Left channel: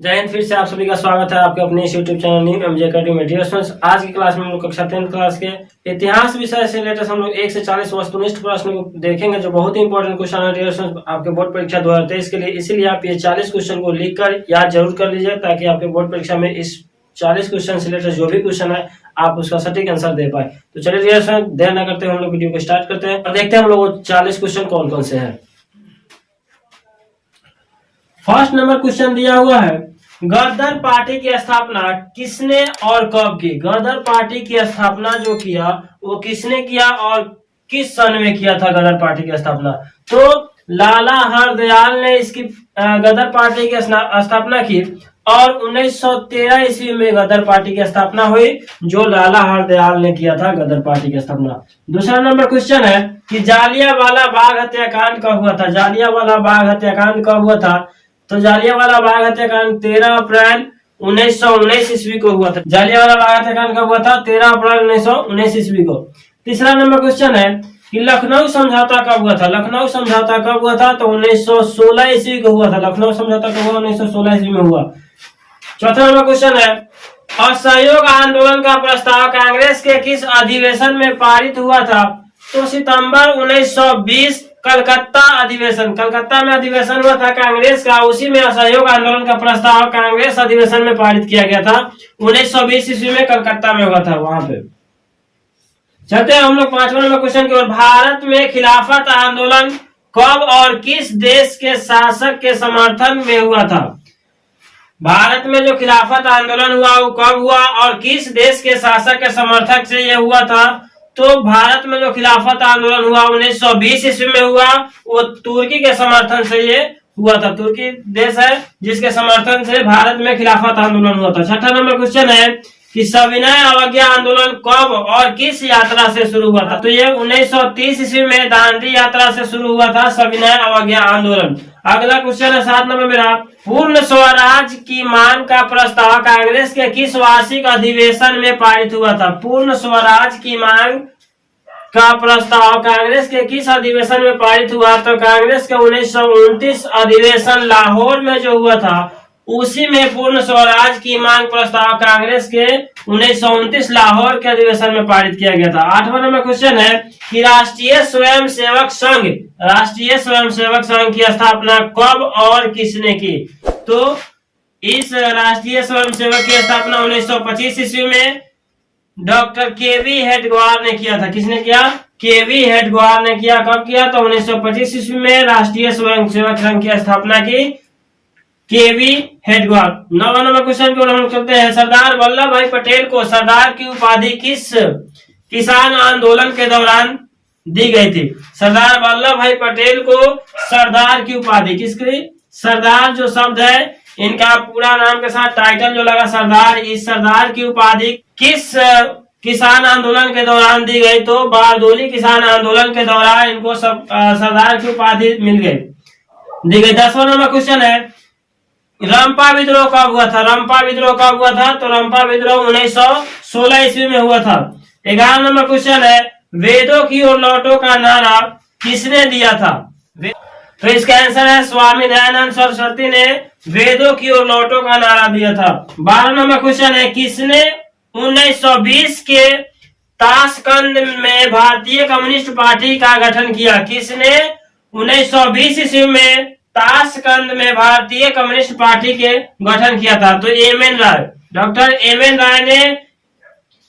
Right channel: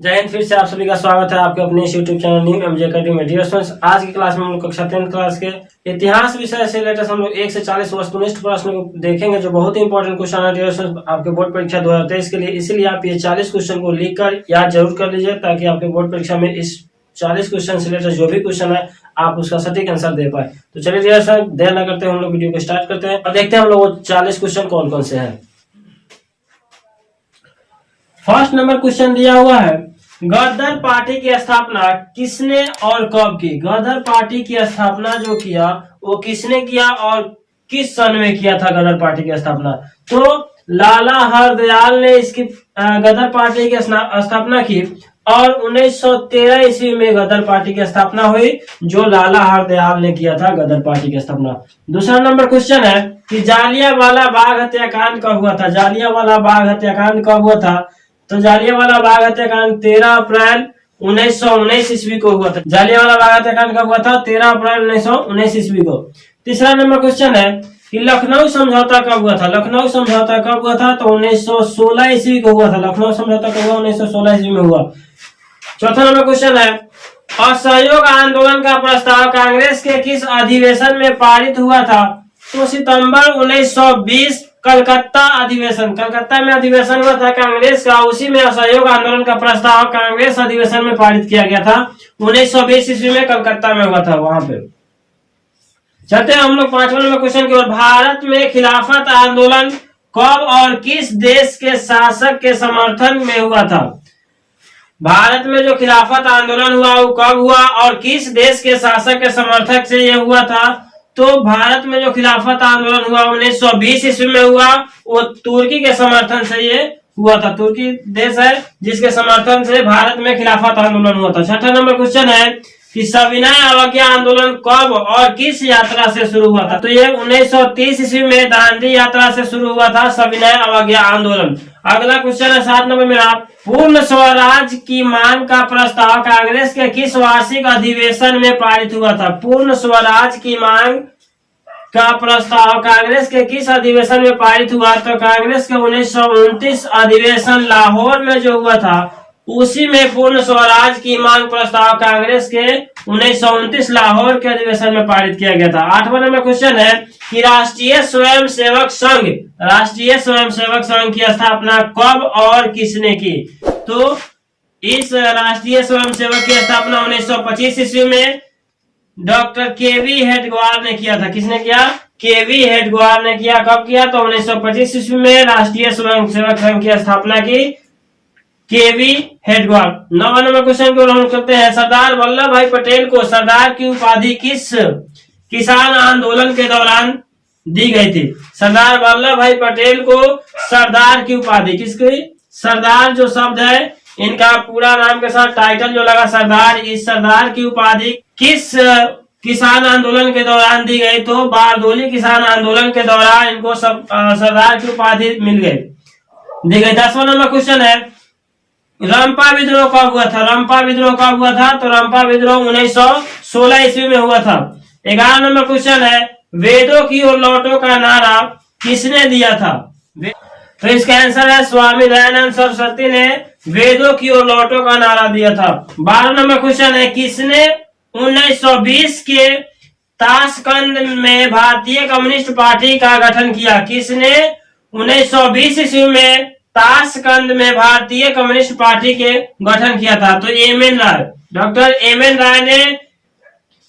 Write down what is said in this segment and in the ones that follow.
जय हिंद। फिर से आप सभी का स्वागत है आपके अपने YouTube channel new MJ academy में। डियर स्टूडेंट्स, आज की क्लास में हम लोग कक्षा 10 क्लास के इतिहास विषय से लेटेस्ट हम लोग 1 से 40 वस्तुनिष्ठ प्रश्न को देखेंगे, जो बहुत ही इंपॉर्टेंट क्वेश्चन है डियर स्टूडेंट्स आपके बोर्ड परीक्षा 2023 के लिए। इसीलिए आप ये 40 क्वेश्चन को लिखकर याद जरूर कर लीजिए, ताकि आपके बोर्ड परीक्षा में इस 40 क्वेश्चन से लेटेस्ट जो भी क्वेश्चन है आप उसका सटीक आंसर दे पाए। तो चलिए डियर स्टूडेंट्स, देर न करते हम लोग वीडियो को स्टार्ट करते हैं और देखते हैं हम लोग 40 क्वेश्चन कौन कौन से हैं। फर्स्ट नंबर क्वेश्चन दिया हुआ है, गदर पार्टी की स्थापना किसने और कब की? गदर पार्टी की स्थापना जो किया वो किसने किया और किस सन में किया था गदर पार्टी की स्थापना? तो लाला हरदयाल ने इसकी गदर पार्टी की स्थापना की और 1913 ईस्वी में गदर पार्टी की स्थापना हुई, जो लाला हरदयाल ने किया था गदर पार्टी की स्थापना। दूसरा नंबर क्वेश्चन है कि जालियांवाला बाग हत्याकांड कब हुआ था? जालियांवाला बाग हत्याकांड कब हुआ था? तो जालियांवाला बाग हत्याकांड 13 अप्रैल 1919 ईस्वी को हुआ था। जालियांवाला बाग हत्याकांड कब हुआ था? 13 अप्रैल 1919 ईस्वी को। तीसरा नंबर क्वेश्चन है कि लखनऊ समझौता कब हुआ था? लखनऊ समझौता कब हुआ था? तो 1916 ईस्वी को हुआ था। लखनऊ समझौता कब हुआ? 1916 ईस्वी में हुआ। चौथा नंबर क्वेश्चन है, असहयोग आंदोलन का प्रस्ताव कांग्रेस के किस अधिवेशन में पारित हुआ था? तो सितंबर 1920 कलकत्ता अधिवेशन, कलकत्ता में अधिवेशन हुआ था कांग्रेस का, उसी में असहयोग आंदोलन का प्रस्ताव कांग्रेस अधिवेशन में पारित किया गया था। 1920 ईस्वी में कलकत्ता में हुआ था वहां पे। चलते हैं हम लोग पांचवा नंबर क्वेश्चन की ओर। भारत में खिलाफत आंदोलन कब और किस देश के शासक के समर्थन में हुआ था? भारत में जो खिलाफत आंदोलन हुआ वो कब हुआ और किस देश के शासक के समर्थक से यह हुआ था? तो भारत में जो खिलाफत आंदोलन हुआ 1920 ईस्वी में हुआ, वो तुर्की के समर्थन से ये हुआ था। तुर्की देश है जिसके समर्थन से भारत में खिलाफत आंदोलन हुआ था। छठा नंबर क्वेश्चन है कि सविनय अवज्ञा आंदोलन कब और किस यात्रा से शुरू हुआ था? तो ये 1930 ईस्वी में दांडी यात्रा से शुरू हुआ था सविनय अवज्ञा आंदोलन। अगला क्वेश्चन है 7 नंबर मेरा, पूर्ण स्वराज की मांग का प्रस्ताव कांग्रेस के किस वार्षिक अधिवेशन में पारित हुआ था? पूर्ण स्वराज की मांग का प्रस्ताव कांग्रेस के किस अधिवेशन में पारित हुआ? तो कांग्रेस के 1929 अधिवेशन लाहौर में जो हुआ था, उसी में पूर्ण स्वराज की मांग प्रस्ताव कांग्रेस के 1929 लाहौर के अधिवेशन में पारित किया गया था। 8वां नंबर क्वेश्चन है कि राष्ट्रीय स्वयंसेवक संघ, राष्ट्रीय स्वयंसेवक संघ की स्थापना कब और किसने की? तो इस राष्ट्रीय स्वयंसेवक की स्थापना 1925 ईस्वी में डॉक्टर केवी हेडगेवार ने किया था। किसने किया? केवी हेडगेवार ने किया। कब किया? तो 1925 ईस्वी में राष्ट्रीय स्वयंसेवक संघ की स्थापना की केवी हेडगेवार। 9वां नंबर क्वेश्चन को हम करते हैं, सरदार वल्लभ भाई पटेल को सरदार की उपाधि किस किसान आंदोलन के दौरान दी गई थी? सरदार वल्लभ भाई पटेल को सरदार की उपाधि, किसकी? सरदार जो शब्द है इनका पूरा नाम के साथ टाइटल जो लगा सरदार, इस सरदार की उपाधि किस किसान आंदोलन के दौरान दी गई? तो बारदोली किसान आंदोलन के दौरान इनको सरदार की उपाधि मिल गई, दी गई। 10वां नंबर क्वेश्चन है, रंपा विद्रोह कब हुआ था? रंपा विद्रोह कब हुआ था? तो रंपा विद्रोह 1916 ईस्वी में हुआ था। 11 नंबर क्वेश्चन है, वेदों की ओर लौटो का नारा किसने दिया था? तो इसका आंसर है स्वामी दयानंद सरस्वती ने वेदों की ओर लौटो का नारा दिया था। 12 नंबर क्वेश्चन है, किसने 1920 के ताशकंद में भारतीय कम्युनिस्ट पार्टी का गठन किया? किसने 1920 ईस्वी में ताशकंद में भारतीय कम्युनिस्ट पार्टी के गठन किया था? तो एम.एन. राय, डॉक्टर एम.एन. राय ने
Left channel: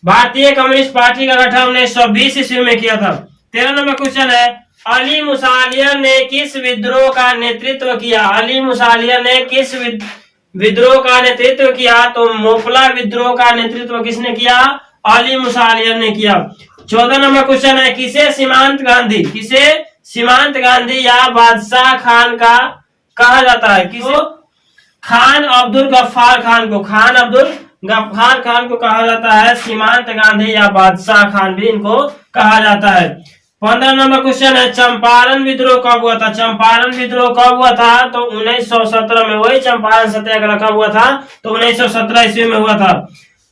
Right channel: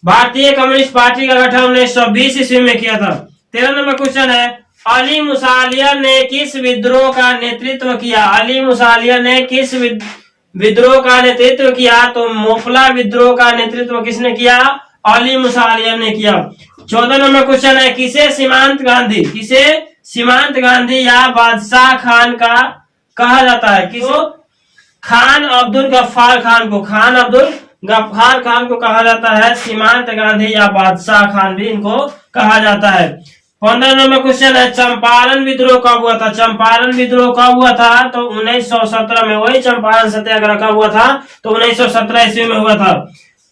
भारतीय कम्युनिस्ट पार्टी का गठन 1920 ईस्वी में किया था। 13 नंबर क्वेश्चन है, अली मुसालियर ने किस विद्रोह का नेतृत्व किया? अली मुसालियर ने किस विद्रोह का नेतृत्व किया? तो मोपला विद्रोह का नेतृत्व किसने किया? अली मुसालियर ने किया। 14 नंबर क्वेश्चन है, किसे सीमांत गांधी, किसे सीमांत गांधी या बादशाह खान का कहा जाता है? किसे? खान अब्दुल गफ्फार खान को, खान अब्दुल गफ्फार खान को कहा जाता है सीमांत गांधी या बादशाह खान भी इनको कहा जाता है। 15 नंबर क्वेश्चन है, चंपारण विद्रोह कब हुआ था? चंपारण विद्रोह कब हुआ था? तो 1917 में। वही चंपारण सत्याग्रह कब हुआ था? तो 1917 ईस्वी में हुआ था।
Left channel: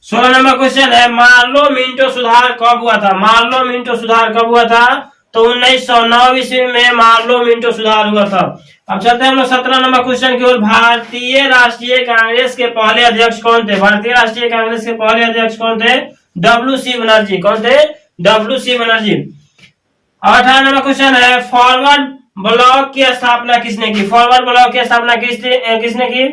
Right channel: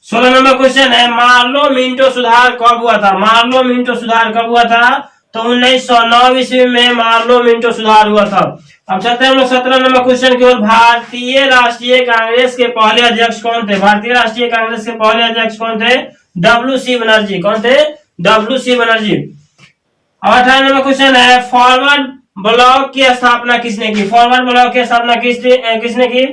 16 नंबर क्वेश्चन है, मार्लो मिंटो सुधार कब हुआ था? मार्लो मिंटो सुधार कब हुआ था? तो 1909 ईस्वी में मार्लो मिंटो सुधार हुआ था। अब चलते हैं हम लोग 17 नंबर क्वेश्चन की ओर। भारतीय राष्ट्रीय कांग्रेस के पहले अध्यक्ष कौन थे? भारतीय राष्ट्रीय कांग्रेस के पहले अध्यक्ष कौन थे? WC बनर्जी। कौन थे? WC बनर्जी। 18 नंबर क्वेश्चन है, फॉरवर्ड ब्लॉक की स्थापना किसने की? फॉरवर्ड ब्लॉक की स्थापना किसने की?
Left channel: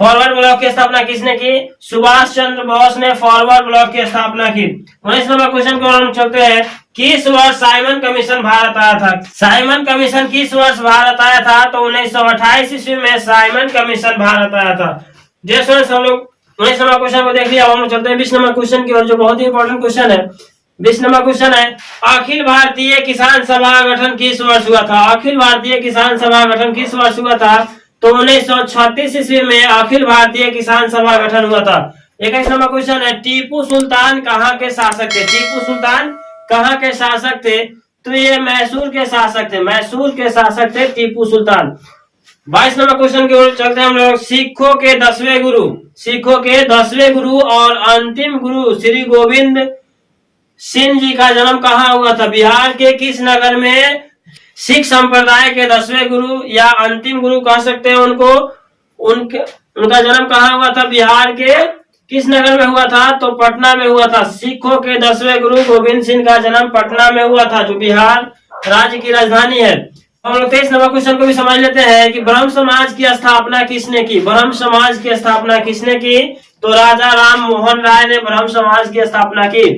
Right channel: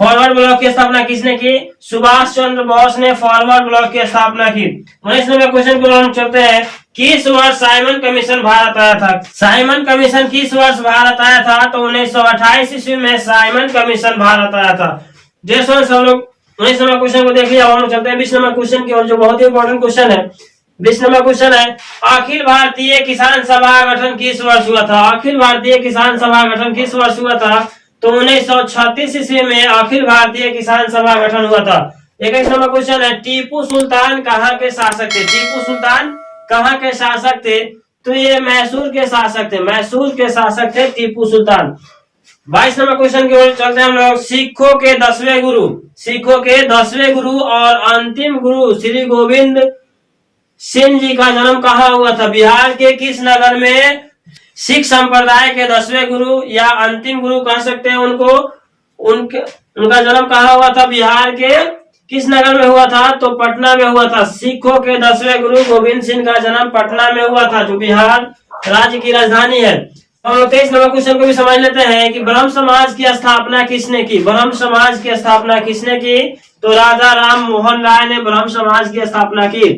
फॉरवर्ड ब्लॉक की स्थापना किसने की? सुभाष चंद्र बोस ने फॉरवर्ड ब्लॉक की स्थापना की। 19 नंबर क्वेश्चन को हम चलते हैं, किस वर्ष साइमन कमीशन भारत आया था? साइमन कमीशन किस वर्ष भारत आया था? तो 1928 ईस्वी में साइमन कमीशन भारत आया था। जैसे हम लोग 19 नंबर क्वेश्चन को देख लिया, हम लोग चलते हैं 20 नंबर क्वेश्चन की ओर, जो बहुत ही इंपॉर्टेंट क्वेश्चन है। 20 नंबर क्वेश्चन है, अखिल भारतीय किसान सभा गठन किस वर्ष हुआ था? अखिल भारतीय किसान सभा गठन किस वर्ष हुआ था? तो 1936 ईस्वी में अखिल भारतीय किसान सभा गठन हुआ था। 21 नंबर क्वेश्चन है, टीपू सुल्तान कहाँ के शासक थे? टीपू सुल्तान कहाँ के शासक थे? तो ये मैसूर के शासक थे। मैसूर के शासक थे टीपू सुल्तान। 22 नंबर क्वेश्चन की ओर चलते हैं हम लोग। सिखों के 10वें गुरु, सिखों के 10वें गुरु और अंतिम गुरु श्री गोविंद सिंह जी का जन्म कहाँ हुआ था? बिहार के किस नगर में सिख संप्रदाय के 10वें गुरु या अंतिम गुरु कह सकते हैं उनको, उनका जन्म कहाँ हुआ था? बिहार के किस नगर में हुआ था? तो पटना में हुआ था। सिखों के 10वें गुरु गोविंद सिंह का जन्म पटना में हुआ था, जो बिहार राज्य की राजधानी है। हम लोग 23 नंबर क्वेश्चन को भी समझ लेते हैं कि ब्रह्म समाज की स्थापना किसने की? ब्रह्म समाज की स्थापना किसने की? तो राजा राम मोहन राय ने ब्रह्म समाज की स्थापना की।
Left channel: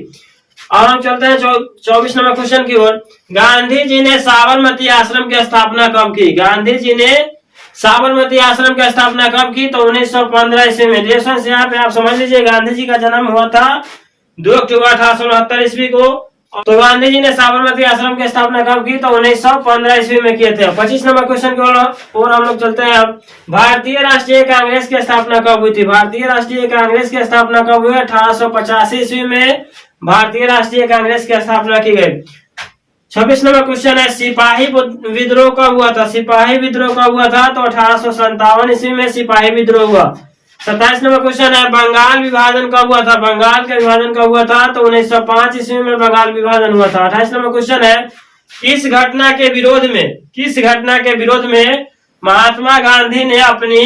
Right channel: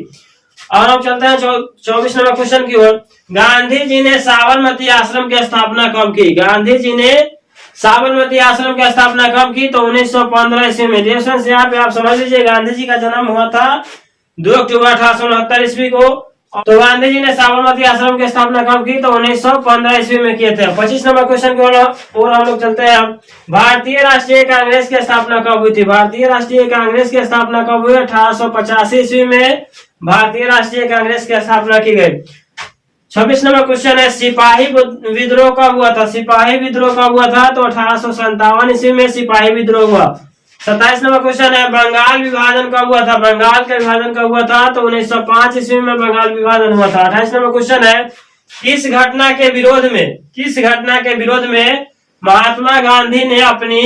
और हम चलते हैं 24 नंबर क्वेश्चन की ओर। गांधी जी ने साबरमती आश्रम की स्थापना कब की? गांधी जी ने साबरमती आश्रम की स्थापना कब की? तो 1915 ईस्वी में। यहाँ पे आप समझ लीजिए, गांधी जी का जन्म हुआ था 2 अक्टूबर 1869 ईस्वी को। तो गांधी जी ने साबरमती आश्रम की स्थापना कब की? तो 1915 ईस्वी में किए थे। 25 नंबर क्वेश्चन की ओर हम लोग चलते हैं। अब भारतीय राष्ट्रीय कांग्रेस की स्थापना कब हुई थी? भारतीय राष्ट्रीय कांग्रेस की स्थापना कब हुई? 1885 ईस्वी में भारतीय राष्ट्रीय कांग्रेस की स्थापना की गई। 26 नंबर क्वेश्चन है, सिपाही विद्रोह कब हुआ था? सिपाही विद्रोह कब हुआ था? तो 1857 ईस्वी में सिपाही विद्रोह हुआ। 27 नंबर क्वेश्चन है, बंगाल विभाजन कब हुआ था? बंगाल का विभाजन कब हुआ था? तो 1905 ईस्वी में बंगाल विभाजन हुआ था। 28 नंबर क्वेश्चन है, किस घटना के विरोध में महात्मा गांधी ने अपनी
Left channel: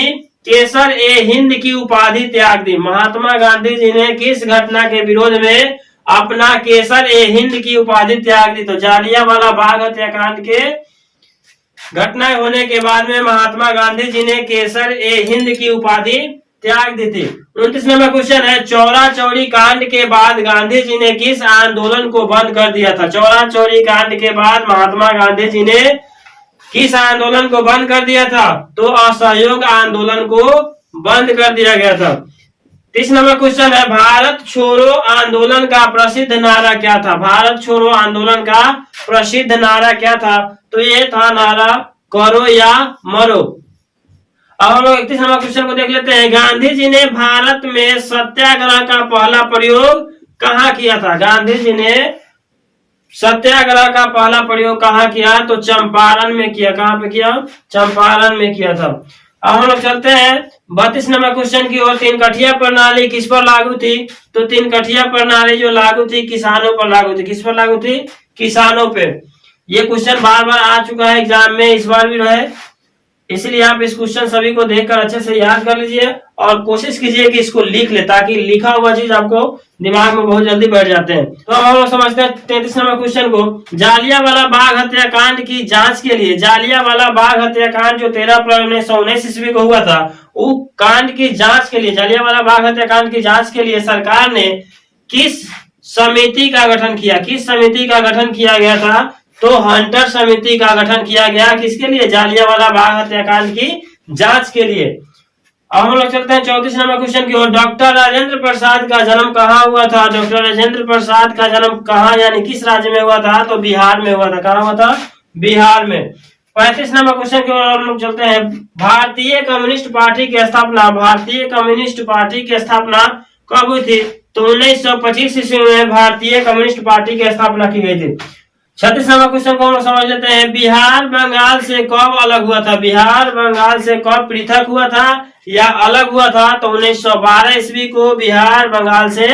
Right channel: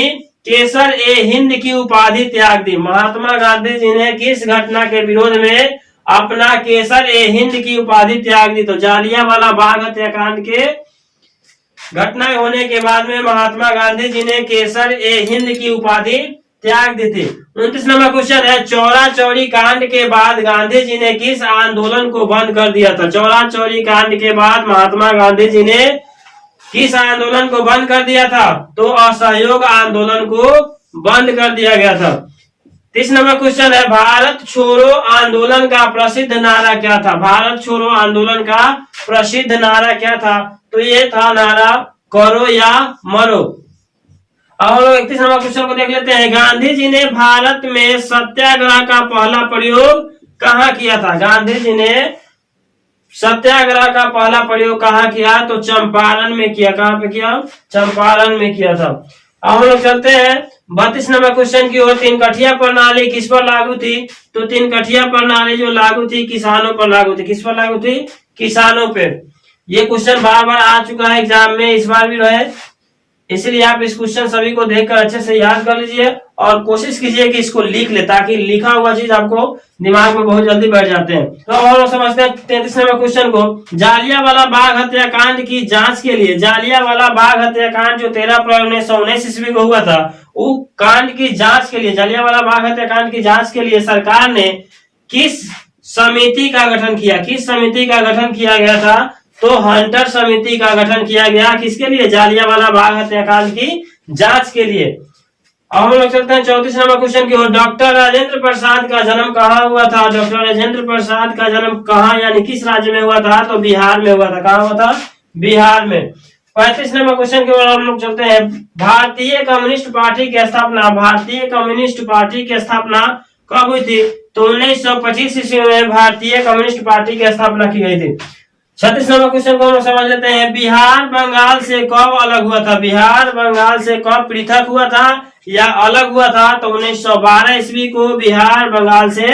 केसर ए हिंद की उपाधि त्याग दी? महात्मा गांधी जी ने किस घटना के विरोध में अपना केसर ए हिंद की उपाधि त्याग दी? तो जालियांवाला बाग हत्याकांड के घटना होने के बाद में महात्मा गांधी जी ने केसर ए हिंद की उपाधि त्याग दी थी। 29 नंबर क्वेश्चन है, चौरा चौरी कांड के बाद गांधी जी ने किस आंदोलन को बंद कर दिया था? चौरा चौरी कांड के बाद महात्मा गांधी जी ने किस आंदोलन को बंद कर दिया था? तो असहयोग आंदोलन को बंद कर दिया गया था। 30 नंबर क्वेश्चन है, भारत छोड़ो आंदोलन का प्रसिद्ध नारा क्या था? भारत छोड़ो आंदोलन का प्रसिद्ध नारा क्या था? तो ये था नारा करो या मरो। अब हम लोग 31 नंबर क्वेश्चन को देख लेते हैं। गांधी जी ने भारत में सत्याग्रह का पहला प्रयोग कहाँ किया था? गांधी जी ने सत्याग्रह का पहला प्रयोग कहाँ किया? तो चंपारण में किया। कहाँ पे किया? चंपारण में किया था। अब हम लोग चलते हैं 32 नंबर क्वेश्चन की ओर। 3 कठिया प्रणाली किस पर लागू थी? तो 3 कठिया प्रणाली जो लागू थी किसानों पर लागू थी। किस पर लागू थी? किसानों पे। ये क्वेश्चन बार बार आ चुका है एग्जाम में, इस बार भी रहे, इसलिए आप इस क्वेश्चन सभी को देखकर अच्छे से याद कर लीजिए और कोशिश कीजिए कि इसको लिख ले, ताकि लिखा हुआ चीज आपको दिमाग में बहुत जल्दी बैठ जाते हैं। तो अब हम लोग समझते हैं 33 नंबर क्वेश्चन को। जालियांवाला बाग हत्याकांड की जांच के लिए, जालियांवाला बाग हत्याकांड जो 13 अप्रैल 1919 ईस्वी को हुआ था, वो कांड की जांच के लिए, जालियांवाला बाग हत्याकांड की जांच के लिए सरकार ने किस समिति का गठन किया? किस समिति का गठन किया गया था? तो हंटर समिति का गठन किया गया। किसके लिए? जालियांवाला बाग हत्याकांड की जांच के लिए। अब हम लोग चलते हैं 34 नंबर क्वेश्चन की ओर। डॉक्टर राजेंद्र प्रसाद का जन्म कहाँ हुआ था? डॉक्टर राजेंद्र प्रसाद का जन्म कहाँ यानी किस राज्य में हुआ था? तो बिहार में हुआ था। कहाँ हुआ था? बिहार में। 35 नंबर क्वेश्चन की ओर हम लोग चलते हैं। भारतीय कम्युनिस्ट पार्टी की स्थापना, भारतीय कम्युनिस्ट पार्टी की स्थापना कब हुई थी? तो 1925 ईस्वी में भारतीय कम्युनिस्ट पार्टी की स्थापना की गई थी। 36 नंबर क्वेश्चन को हम समझ लेते हैं। बिहार बंगाल से कब अलग हुआ था? बिहार बंगाल से कब पृथक हुआ था या अलग हुआ था? तो 1912 ईस्वी को बिहार बंगाल से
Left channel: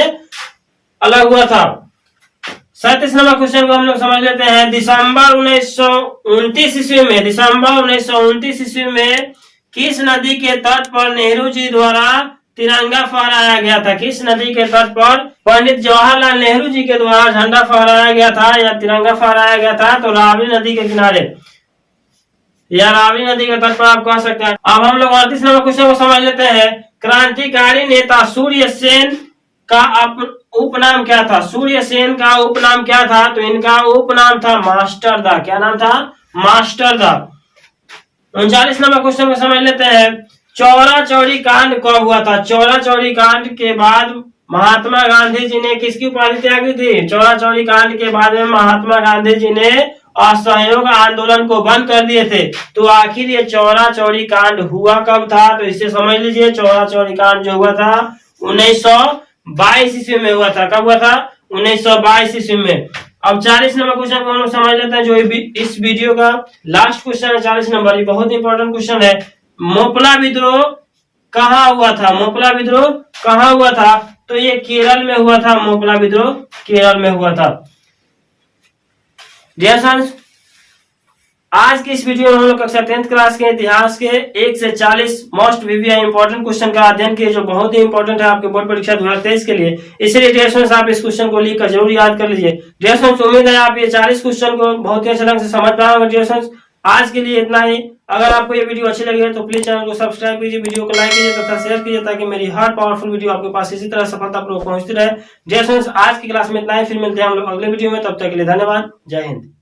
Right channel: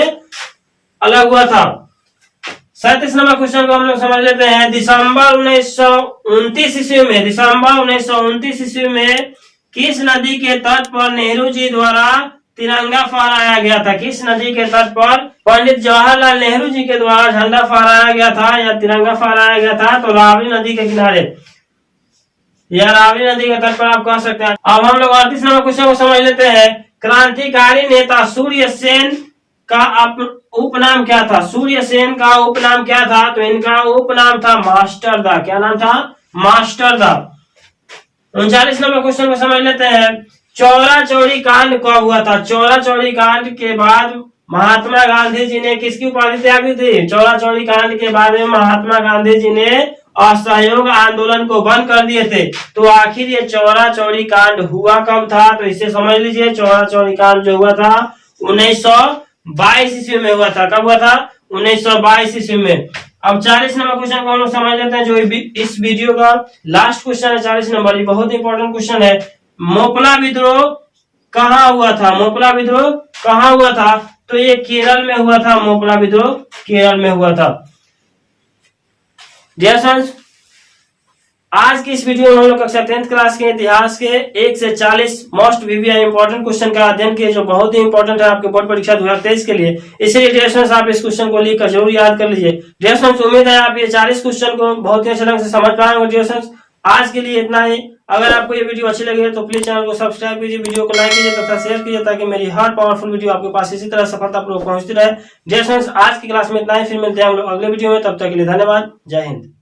अलग हुआ था। 37 नंबर क्वेश्चन को हम लोग समझ लेते हैं। दिसंबर 1929 ईस्वी में, दिसंबर 1929 ईस्वी में किस नदी के तट पर नेहरू जी द्वारा तिरंगा फहराया गया था? किस नदी के तट पर पंडित जवाहरलाल नेहरू जी के द्वारा झंडा फहराया गया था या तिरंगा फहराया गया था? तो रावी नदी के किनारे या रावी नदी के तट पर आप कह सकते हैं। अब हम लोग 38 नंबर क्वेश्चन को समझ लेते हैं। क्रांतिकारी नेता सूर्य सेन का उपनाम क्या था? सूर्य सेन का उपनाम क्या था? तो इनका उपनाम था मास्टर दा। क्या नाम था? मास्टर दा। 39 नंबर क्वेश्चन को समझ लेते हैं। चौरा चौरी कांड कब हुआ था? चौरा चौरी कांड के बाद महात्मा गांधी जी ने किसकी उपाधि त्यागी थी? चौरा चौरी कांड के बाद में महात्मा गांधी जी ने असहयोग आंदोलन को बंद कर दिए थे। तो आखिर ये चौरा चौरी कांड हुआ कब था? तो इसे समझ लीजिए, चौरा चौरी कांड जो हुआ था 1922 ईस्वी में हुआ था। कब हुआ था? 1922 ईस्वी में। अब 40 नंबर क्वेश्चन को हम लोग समझ लेते हैं, जो इस वीडियो का लास्ट क्वेश्चन है। 40 नंबर, ये बहुत इंपॉर्टेंट क्वेश्चन है। मोपला विद्रोह कहाँ हुआ था? मोपला विद्रोह कहाँ हुआ था? तो ये केरल में हुआ था। मोपला विद्रोह केरल में हुआ था। डियर स्टूडेंट्स, आज की इस वीडियो में हम लोग कक्षा 10th क्लास के इतिहास के 1 से 40 मोस्ट वीवी इंपॉर्टेंट क्वेश्चन का अध्ययन किए, जो बहुत ही इंपॉर्टेंट है आपके बोर्ड परीक्षा 2023 के लिए। इसलिए डियर स्टूडेंट्स, आप इस क्वेश्चन को लिखकर जरूर याद कर लीजिए। डियर स्टूडेंट्स, उम्मीद है आप ये 40 क्वेश्चन को बहुत ही अच्छे ढंग से समझ पाए होंगे। डियर स्टूडेंट्स, आज के लिए इतना ही। अगर आपको ये वीडियो अच्छी लगी है तो प्लीज चैनल को सब्सक्राइब कीजिए, वीडियो को लाइक कीजिए तथा शेयर कीजिए, ताकि मेरी हर पावरफुल वीडियो आपके पास इसी तरह सफलतापूर्वक पहुंचती रहे। डियर स्टूडेंट्स, आज की क्लास में इतना ही। फिर मिलते हैं हम लोग अगले वीडियो में। तब तक के लिए धन्यवाद। जय हिंद।